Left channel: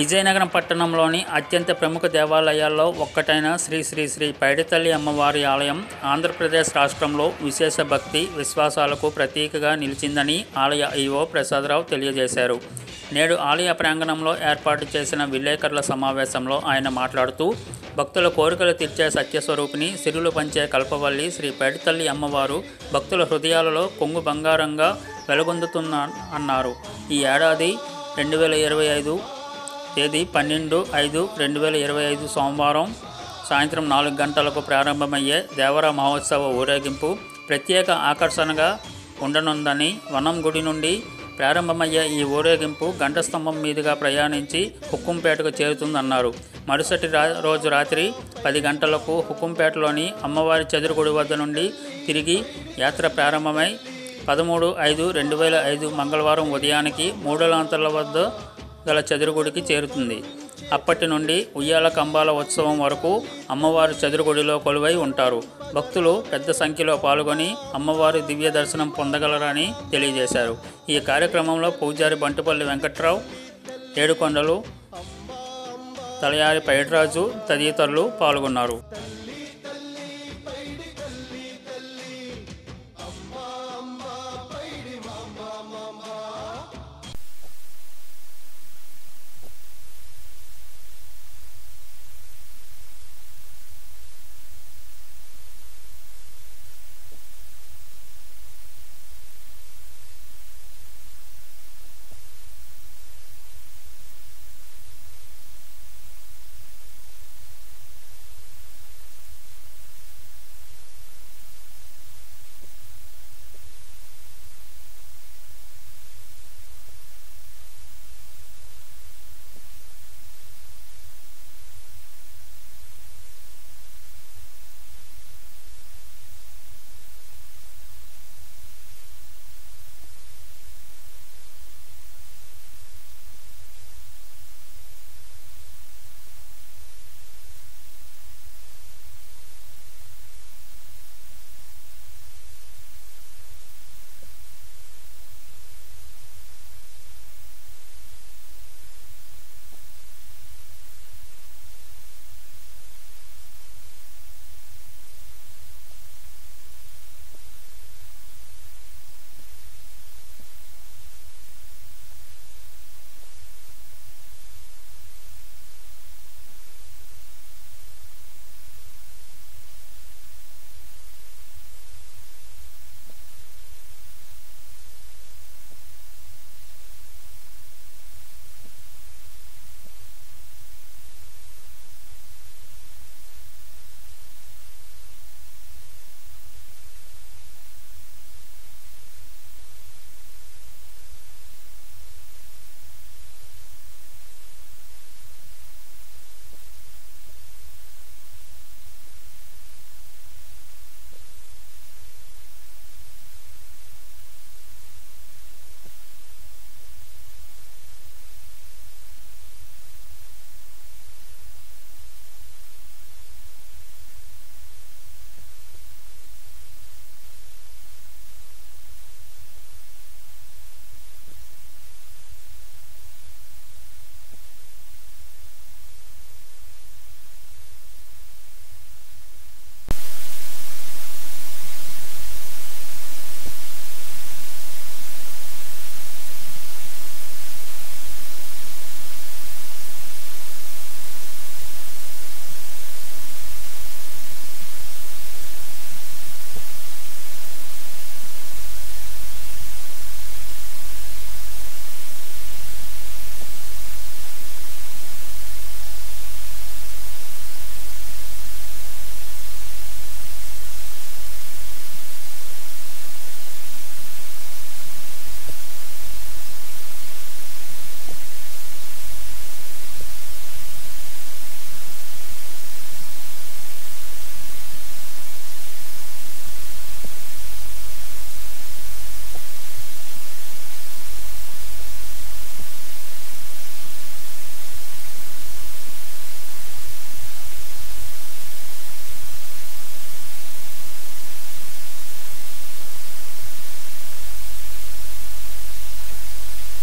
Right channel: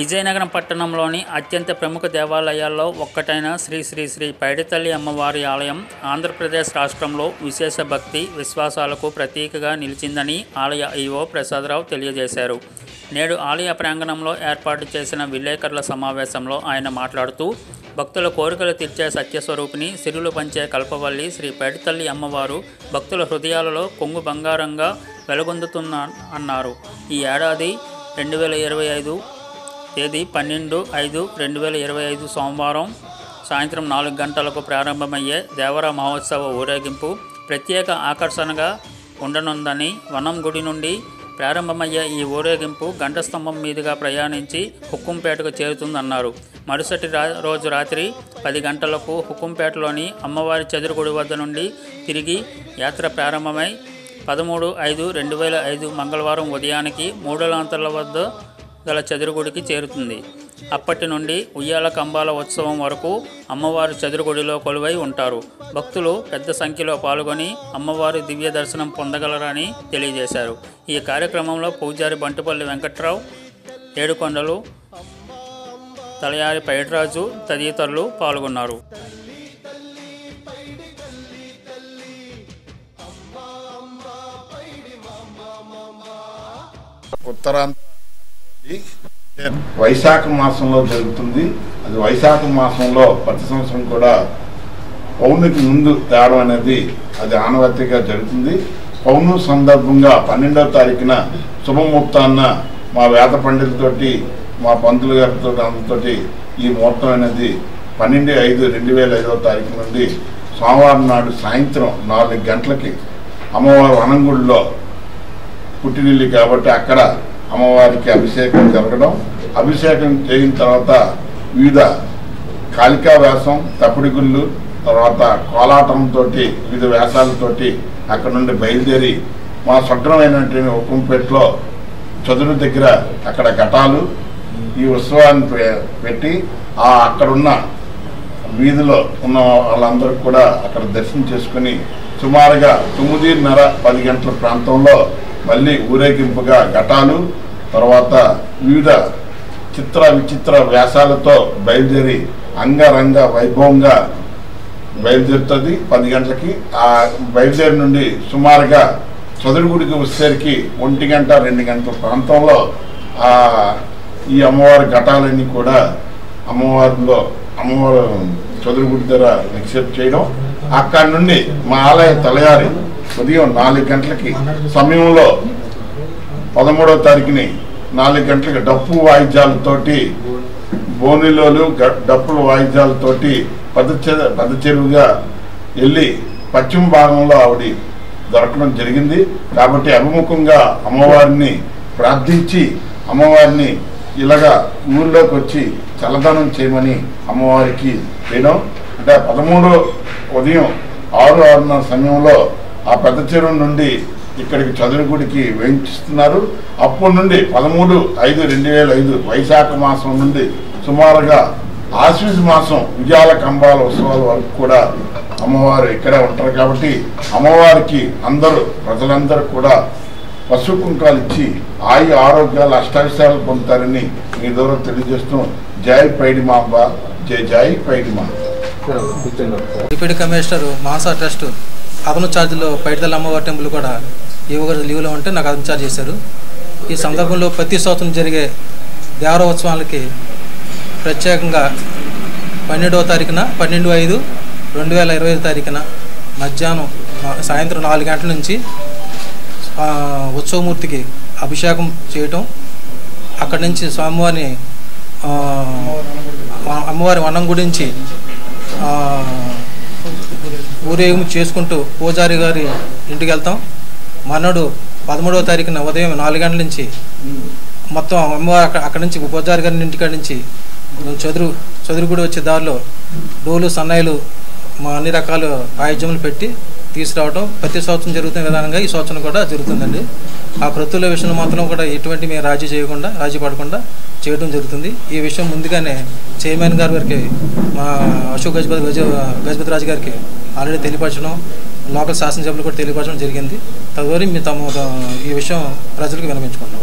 విజయనగరం పట్టణంలోని అత్యంత ప్రముఖ దేవాలయాల్లో ఒక్కటైన శ్రీ శ్రీ శ్రీ పైడితల్లి అమ్మవారి ఆలయం ఆంధ్రప్రదేశ్ రాష్ట్రంలో విశేష భక్తి విశ్వాసాలకు ప్రతీకగా నిలిచిందని ఆలయ ఈవో ప్రసాదరావు తెలియజేశారు. నేడు ఆలయ ప్రాంగణంలో ఏర్పాటు చేసిన విలేకరుల సమావేశంలో ఆయన మాట్లాడుతూ భక్తుల కోరికలు తీర్చే సత్యస్వరూపిణి సిరులు పంచే కల్పవల్లి శ్రీ పైడితల్లి అమ్మవారు భక్తుల హృదయాలలో కొంగు బంగారంగా వెలుగొందుతున్న అన్నారు. ఈ ఏడాది 2025 తేదీ 12/5/2025 సోమవారం సాయంత్రం 4 గంటలకు ప్రారంభమయ్యే దేవర మహోత్సవ ఊరేగింపు ప్రత్యేక ఆకర్షణగా ఉండనుందని, వనం గుడి నుండి ప్రారంభమయ్యే ఈ ఊరేగింపు గంట స్తంభం మీదుగా ప్రయాణించి హుక్కుంపేటకు చేరుతుందన్నారు. మరుసటి రోజు రాత్రి 10 గంటలకు హుక్కుంపేటలోని అమ్మవారి చదురుగుడి వద్ద నుండి తిరిగి యాత్ర ప్రారంభమై 13/5/2005 మంగళవారం ఉదయానికి మూడలాంతర్ల వద్ద గల చదురుగుడికి చేరుతుంది. అప్పటి నుండి ఉయ్యాల కంబాల ఉత్సవం వరకు అమ్మవారి చదురుగుడిలో కొలువై ఉంటారు. భక్తులు పెద్ద సంఖ్యలో పాల్గొని అమ్మవారి దివ్య దర్శనం పొందగలరని తెలియజేశారు. ఈ కార్యక్రమంలో పూజారి బంటుపల్లి వెంకట్రావు, ఏడుకొండలు, తలయారి పైడిరాజు తదితరులు పాల్గొన్నారు. వైశాఖ మాసంలో జరుగుతుంది. అది వైశాఖ మాసంలో ప్రతి సంవత్సరం కూడా పౌర్ణమికి ముందు తేవడం అనేది అది ఆనవాయితీగా జరుగుతుంది. పౌర్ణమి సందర్భంగా 12వ తారీఖున శుభముహూర్తాన్న మా వేద పండితులతోటి మా పంతులు గారితో అందరితోటి ఈ ముహూర్తం అనేది 12/5/2005 నుండి సోమవారం నాడు సాయంత్రం 4 గంటలకి అమ్మవారి వనంగుడిలో పుట్టినిల్లి కాబట్టి అక్కడ అమ్మవారికి అభిషేకం జరగడం, అభిషేకం చేయిన తర్వాత వివిధ కాళికా వేషం, తప్పిడి గుళ్ళు, తర్వాత కోలాటంతో వివిధ వేషాలతోటి అక్కడ నుండి బయలుదేరి మా స్వగ్రమైనటువంటి హుక్కుంపేటలో చదురు దగ్గర అక్కడ ఘటాలు ఈ ఉత్సవాన్ని పెట్టి అక్కడున్న వీధిలో ఉన్న వాళ్ళందరూ కూడా అక్కడ దర్శనం చేసుకుని సుమారుగా 9:30-10 గంటల ప్రాంతంలో మళ్ళీ ఊరేగింపుగా ఘటాలు, తర్వాత వివిధ విచిత్ర వ్యాసాలతో బయలుదేరి అంగరంగ వైభవంగా బయలుదేరుతుంది. 10 గంటలకి ఆ బయలుదేరి నుండి సుమారుగా చదురుగుడికి వచ్చేసరికి 1 గంట 2 గంటల ప్రాంతంలో ఈ అమ్మవారి ఘటాలన్నీ కూడా అమ్మవారు చదురుగుడి దగ్గర నిక్షేపం చేయడం, అక్కడి నుండి మా ఆలయ తలయారి ఉదయం 4 గంటలకి సమయంలో 13వ తారీఖుని 4 గంటలకి డప్పు వాయిద్యాలతోటి బోనిలోలు డప్పుల వాయిద్యాలతోటి పెద్ద చెరువుగా వెళ్ళి పశ్చిమ భాగంలో ఆవిడ దొరకడం జరిగింది. కాబట్టి అభిముఖంగా అమ్మవారిని ప్రార్థించి అమ్మవారిని ఇలాగా ఊళ్ళోకి వచ్చి చల్లదనం చేయమని అమ్మవారికి వేయడం. అంటే 13 ఉదయం 6-6:30 సమయంలో ఆ పెద్ద చెరువు నుండి ఇక్కడికి చదురుగుడికి వేయించిస్తున్నారు. అప్పటి నుండి 13/5/2005 వైశాఖ మాసం నుండి సుమారుగా ఆశ్వీజ మాసం ఉయ్యాల కంబాల ఉత్సవాల వరకు కూడా అమ్మవారు ఇక్కడే ఉంటారు. కాబట్టి అమ్మవారికి ప్రజలందరూ కూడా పసుపు కుంకాలు ఇచ్చి ఆరోగ్యాలు అష్టావిషయాలు పొందుతారని మీ ద్వారా తెలియజేస్తూ జై పైడిమాంబ, జై పైడిమాంబ. డిప్యూటీ కమిషనర్ మాసా ట్రస్ట్ అదను ఛార్జీలో పైడితల్లి అమ్మవారి టెంపుల్ కూడా యువగారు లీవ్లో ఉంటే నాకు అదను ఛార్జ్ చేశారు. ఈ సందర్భంలో ప్రతి సంవత్సరం జరిగే దేవరోత్సవాలకి ప్రత్యేకంగా 12వ తారీఖున 12/5/2025 తారీఖున మధ్యాహ్నం సాయంత్రం 4 గంటల నుంచి ఉత్సవమూర్తికి అభిషేకం చేయటం, అక్కడి నుంచి స్వామివారిని అమ్మవారి వనం గురించి ఊరేగింపు చేసుకుంటూ పూజారి గారి ఇంటికి వెళ్తాం. మర్నాడు 13వ తారీఖున ఉదయం 4 గంటల నుంచి మొత్తం అమ్మవారు అక్కడి నుంచి పూజారి గారి ఇంటికాడి నుంచి చదురుగుడి వచ్చే దారిలో డోలు సన్నాయిలు అన్ని రకాల వాయిద్యములు పెట్టి తీసుకురావడం ప్రతి సంవత్సరం జరుగుతున్న విధానంగా ఈ సంవత్సరం కూడా జరుగుతుందండి. ఆ ప్రతుల విషయంలో మాత్రం కూడా ఎటువంటి మేము రాజీ పడకుండా చేయడం జరుగుతుంది. ఈ విషయం ముందుగానే చైర్మన్ గారి వారికి మా అశోక్ గజపతి రాజు గారికి ఆల్రెడీ తెలియపరచడం, లోకల్ శాసనసభ్యులు కూడా తెలియపరచడం జరిగింది. తదుపరి ఈ విషయం ప్రజలకు విన్నవించుకుంటాం.